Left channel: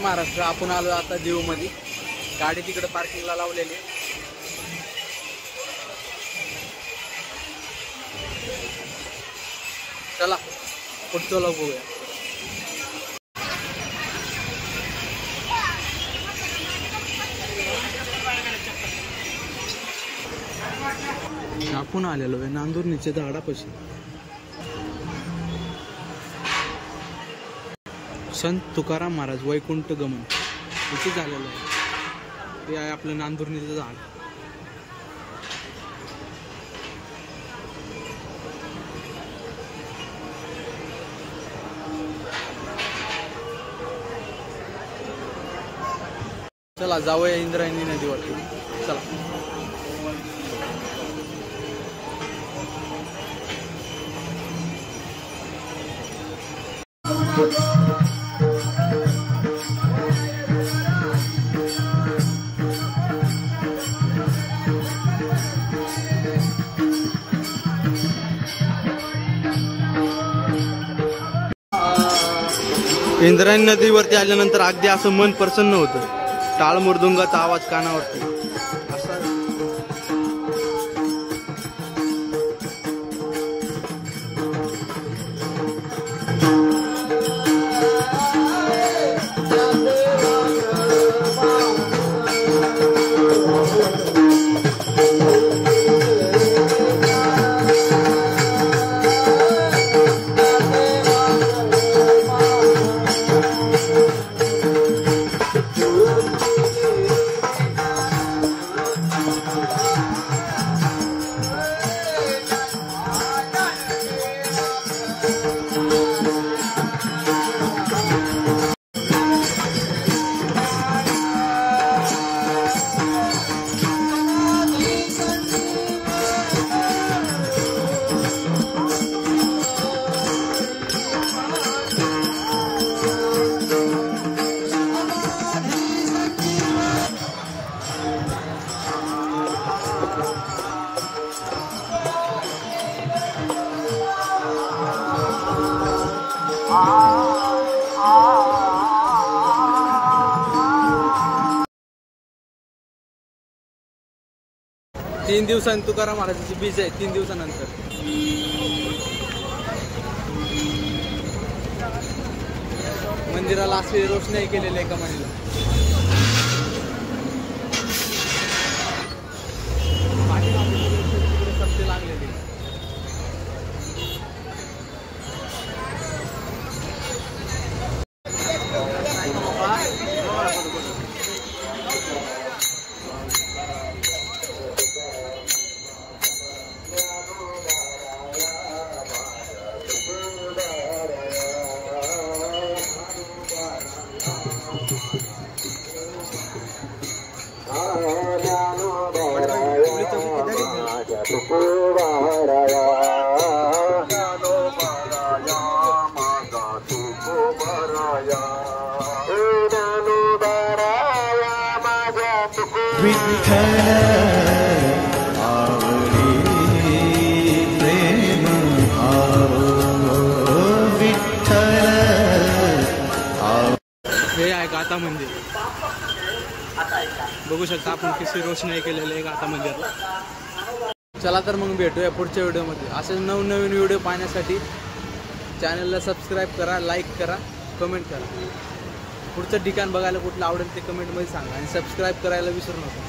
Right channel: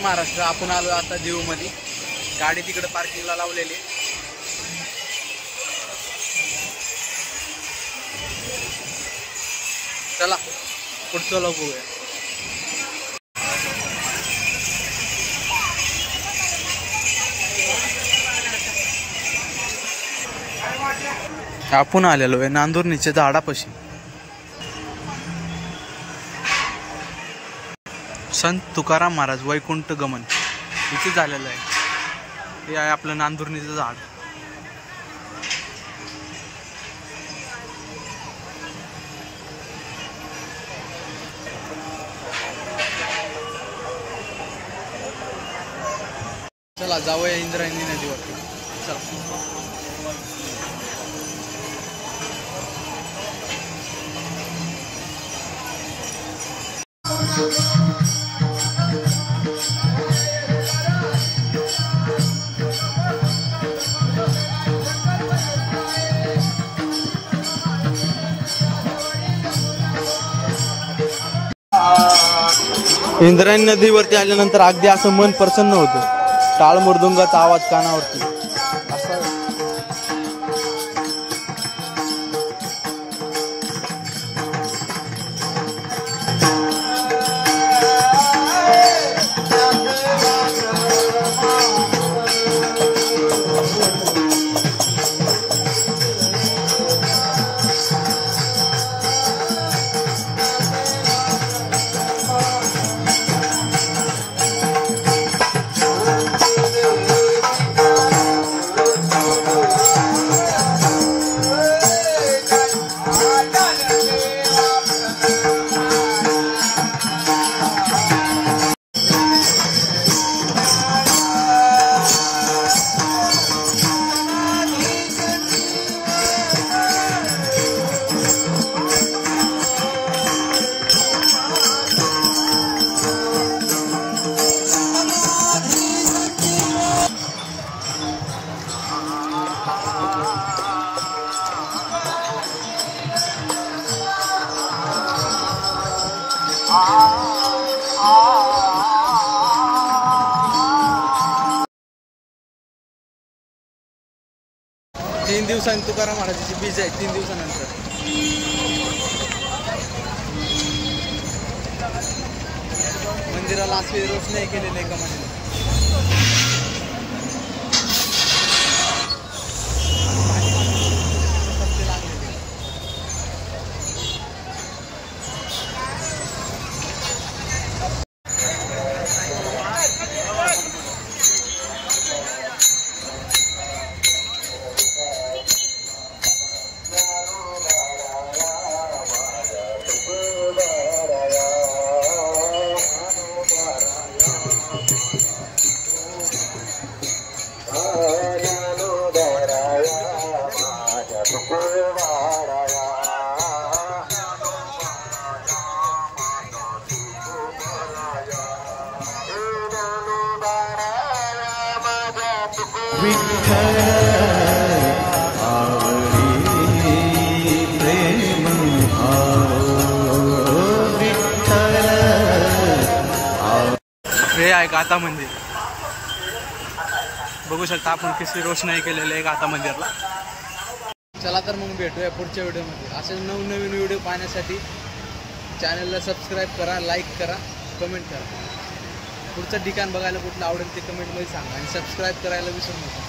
महाराष्ट्र आपण आलो आता जीव मध्ये, गाडी तिकडे पार्किंगला लावलेली. चला पुढचं लोक बघूया. आपण आलेलो आहे नांदुर्णीच्या झाडापाशी. संत तुकाराम महाराज वैकुंठ गमन इथे झालेलं आहे. हे आहे आपलं नांदुर्णीचं झाड. चला जाऊया इंद्रायणी नदीवरती. चला इंद्रायणी नदीवरती आल्यानंतर अगदी असं मन प्रसन्न होतं. टाळ मृदुंगाचा आवाज कानावरती असा. तीन दिवसांनी तुकाराम महाराजांची बीज आहे. 3 दिवसानंतर मंदिराला अशी रोषणाई केलेली आहे कमानीला. सप्ते लागलेले. विठ्ठल आवडी प्रेम भाव विठ्ठल. हे आहे गाथा मंदिर. बघू शकता आपण कशी रोषणाई केलेली आहे गाथा मंदिरला. चला तर मग भेटूया पुढच्या व्हिडिओमध्ये. असे नवनवीन व्हिडिओ पाहण्यासाठी चॅनलला सबस्क्राईब करा, लाईक करा, कमेंट करा. पुढचं ठिकाण बघायला कुठलं आवडेल ते कमेंटमध्ये सांगा आणि सबस्क्राईब करायला विसरू नका.